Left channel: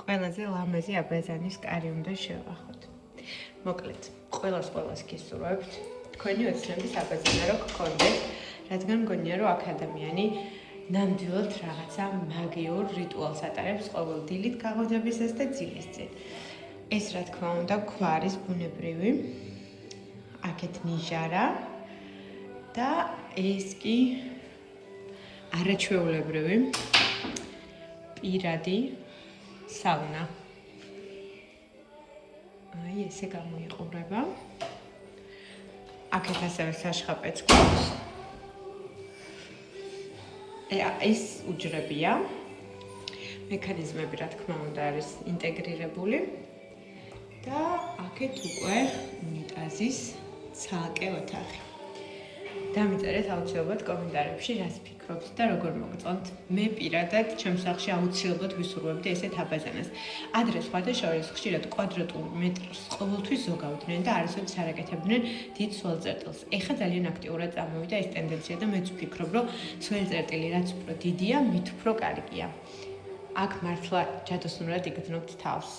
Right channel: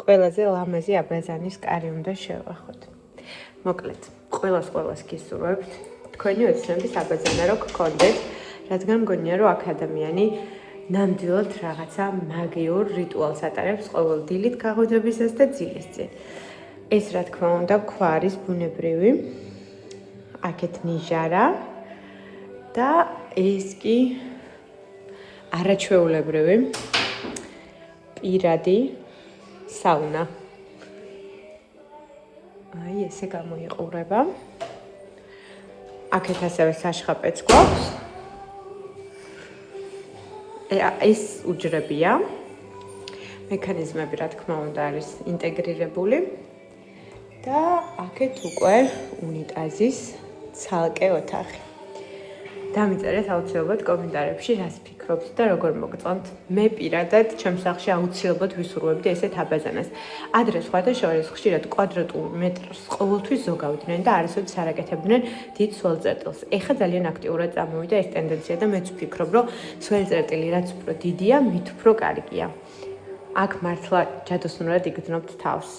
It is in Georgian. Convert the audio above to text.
ყველაზე ლამაზი აბაზანის კარი უნდა შევახოთ. მოკლედ, ყველას გისურვებთ. თქვენი ოცნების აბაზანა რო გქონდეთ, რადგან მგონია რომ აქ ადამიანი ნამდვილად რაღაცა მაგიურ რიტუალს ატარებს ყოველ დილით გაღოდებისას და ძილის წინ. ეს რა თქმა უნდა ქვარის ბუნებრივი, აქეთ ნიჟარა და ეს კი არაჩვეულებრივი პირადი საუნა. აი ესე გამოიყურება. აქეთ ასევე საშხაპეც გვაქვს. ეს უჯრებია. მექანიზმები რა თქმა უნდა არის ინტეგრირებული და აქეთ უკვე უნიტაზის ცალკე ოთახი. დამიწერეთ აუცილებლად კომენტარებში რას ფიქრობთ და როგორ მოგწონთ. მე პირადად ჩემს სახლში აუცილებლად ვისურვებდი ესეთ აბაზანას. ადრე სხვათა შორის ხშირად კვადრატულ მეტრს ყოველთვის ზოგავდნენ და არასოდეს არ აკეთებდნენ დიდ სველ წერტილს. ეხლა ძალიან აქტიურად წამოვიდა ეს ტენდენცია და მეც ვფიქრობ, რომ სველი წერტილი რაც უფრო დიდია, მით უფრო კარგია. აქ მართლა ჯადოსნურად იგრძნობთ თავს.